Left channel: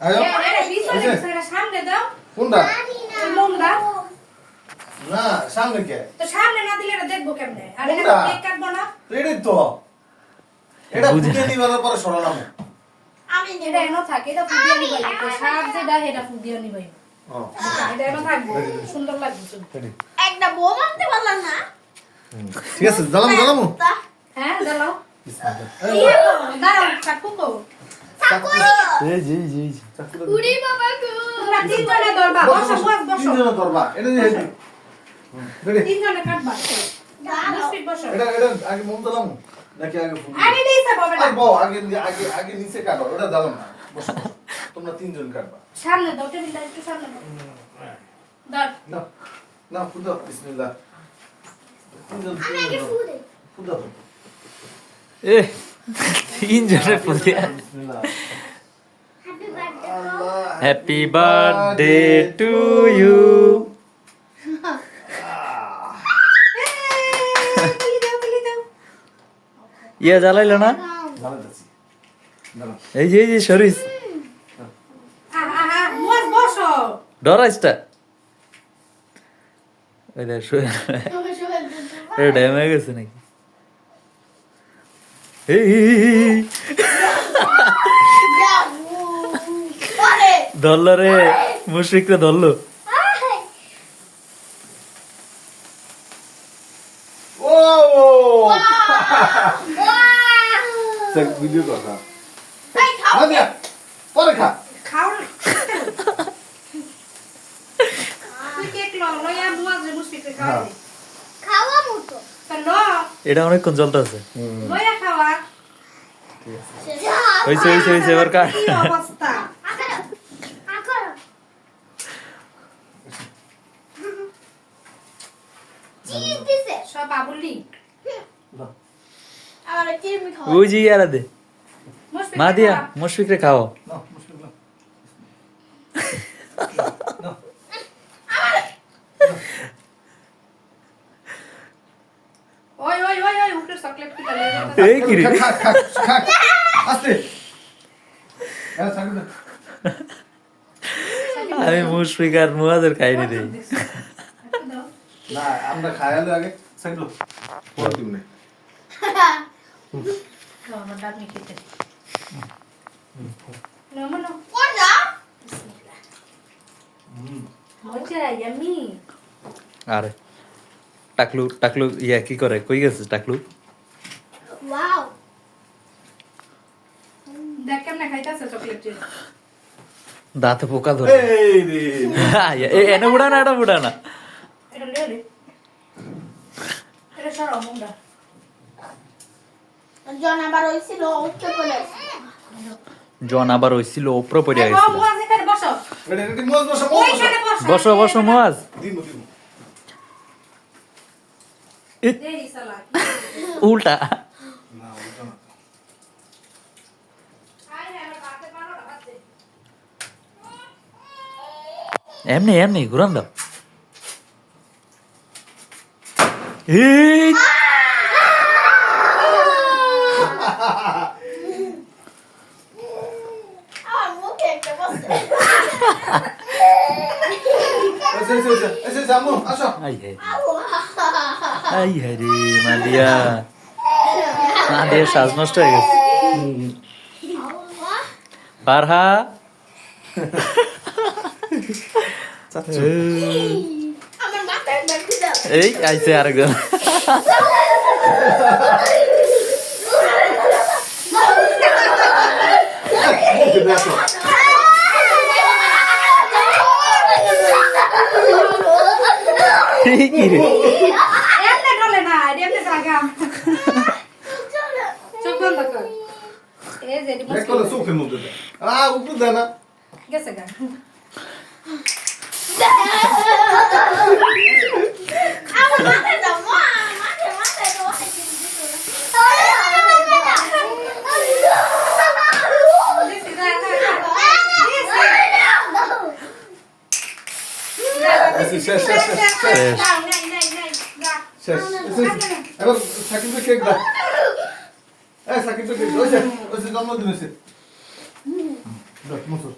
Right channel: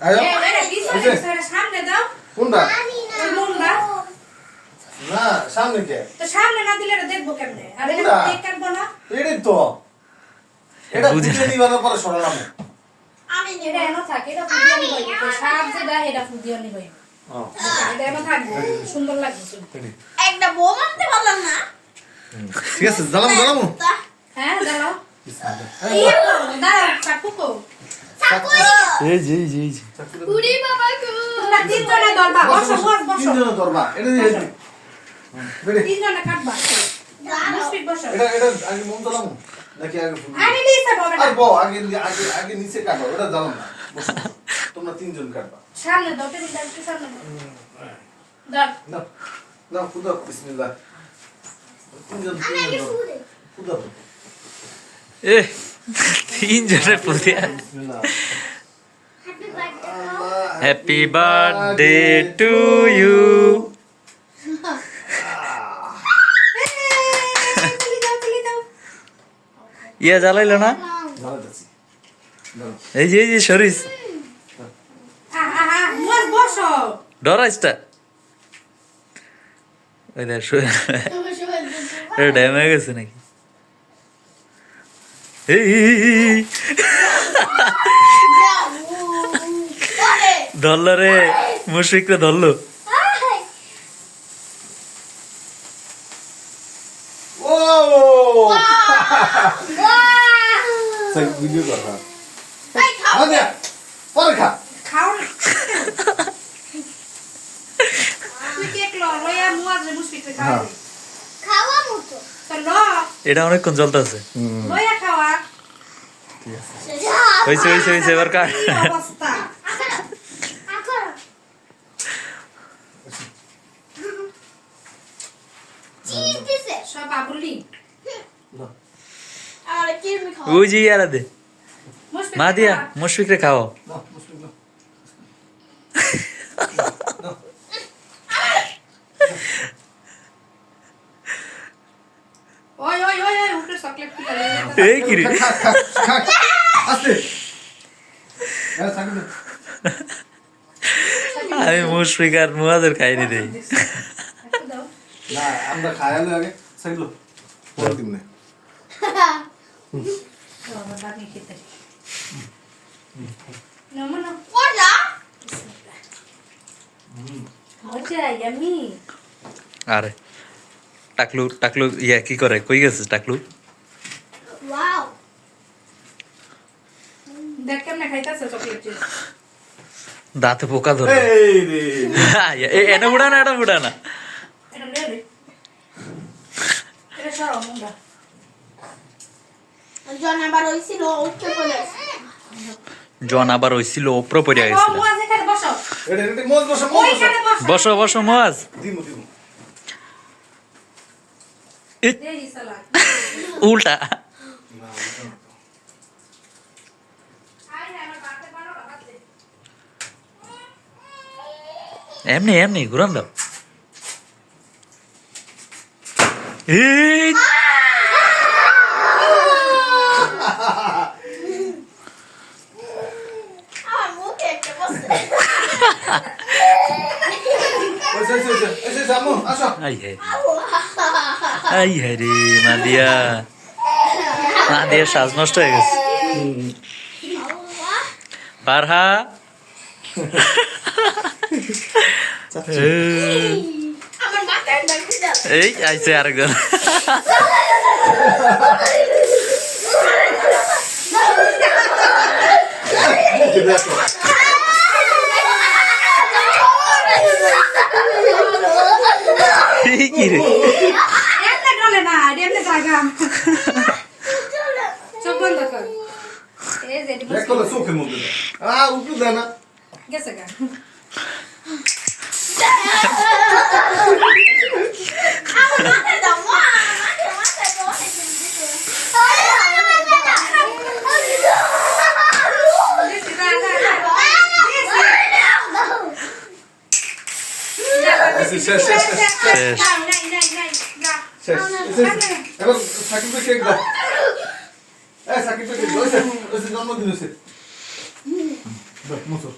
আয়ো এটা সামনে দাও কোনটা লম্বা না সামনে কে তো সামনে না দিলে এটা দেখবো কেমনে আর এটা কোনটা? কেক কাটবো না এটাই তো এটা বুঝে নিবার পরে সরালাম আমি এটা এনো থাকে এটা ফুদিয়ে নিবাই তো সাপ যেটা এটা ফুদিয়ে নিবাই এটা এনো থাকবে সুন্দর লাগবে শুনতে একটা বউ আনতে পারলাম না ঠিক আছে জ্বালাম হ্যাঁ দাও দাও চাকুকো জি পুরি বাবা গো তোমরা তিনজনে ধরবা বসো বসো তিনজন ধরবা এটা দিয়ে বেড়ে তিনজনে কাটবা মুশফিক বসো এটা আগে মন দিলাম নাকি আগে ফুল আরে নিচে বাবা আর বউ আগে নিচে কাটো এটা জ্বালাম না বসো, বসো। তোমরা তিনজন কাটবা সামনে দাও টেবিলটা একটু সামনে দাও না না ফুদা বিসমিল্লাহ তিনজন ফুলে ফুদা এ তিনজনের প্রতি বিসমিল্লাহ হ্যাপি আল্লাহ birthday happy birthday to you তুলি দাও ইয়া জ্বালাইলো না জ্বালাতেছি জ্বালাম এই যে সরিস মোর বসো ডরাইসটা ওই দেখ ড্যাম হয়ে গেছে নাকি এই ধরলো রে মুশফিকরে ধরলো ও সে ভিডিও করবা আরে পরে খা খাও তুই কেক লয়া মুয়াজে মুশফিকরে খাও খাওয়া মতো তো ল এটা অনেকক্ষণ চলতেছে লয়া খাওয়া হয়েছে এবার কাট কি অবস্থা চিজ দিছে সব বাবুলি আমার কিরমি খাওয়া ওই যে ইয়ারা দে মুশফিক মা দিয়া মুশফিকরে খাও না মুশকিল না ওই উঠে চকলেট কি করে এই কি রে খা আস্তে আরে সাকিব আমি মুশফিক আর মুয়াদের খাইনি দেই দাও না আমরা খায়ালো আগে সাকিব পরে দিন না ও আমার দামি খেতে না মনো কোনটা মজা ইয়ামি আরে টাকলু ইয়া কি করে কই গেছে টাকলু ওয়াও দেখ কেমনে খাইতাছে চকলেট দাঁতে পোকা ধরে এই রে এনে উড়া না এটা উড়া না এটা লে এটা সরো মুন্ডা জন আবার হইছিল উঠতে পড়ে জন আবার হইছিল উপরে পড়ে ও গেছিল মুয়াজ এখানে বসো এটা মন বসা ওইখানে বসো বসো মুয়াজ দিমু দেরি সালাদ উল্টা আই না আমার বাড়তে পারো না বাড়তে এমনি ঘুরান দাও এই আমার মুখে একটা বসে এসে জামু আসো আই হে রে মাদিয়া সাজ নষ্ট হয়ে গেছে পারহা আমার মাথায় লাগছে দাও এই আইছে আরেকজন দেখো কি রে এমনে গলে না এমনে জায়গা চোখ বন্ধ কর এই যে দেখো না চোখে মুখে উপরে দে না গেছে গা আমার মাথায় দাও মা মাথায় দাও শেষ এখন সাকিবকে কেক দাও সাকিবকে কেক জন্মদিন হয়েছে মুসো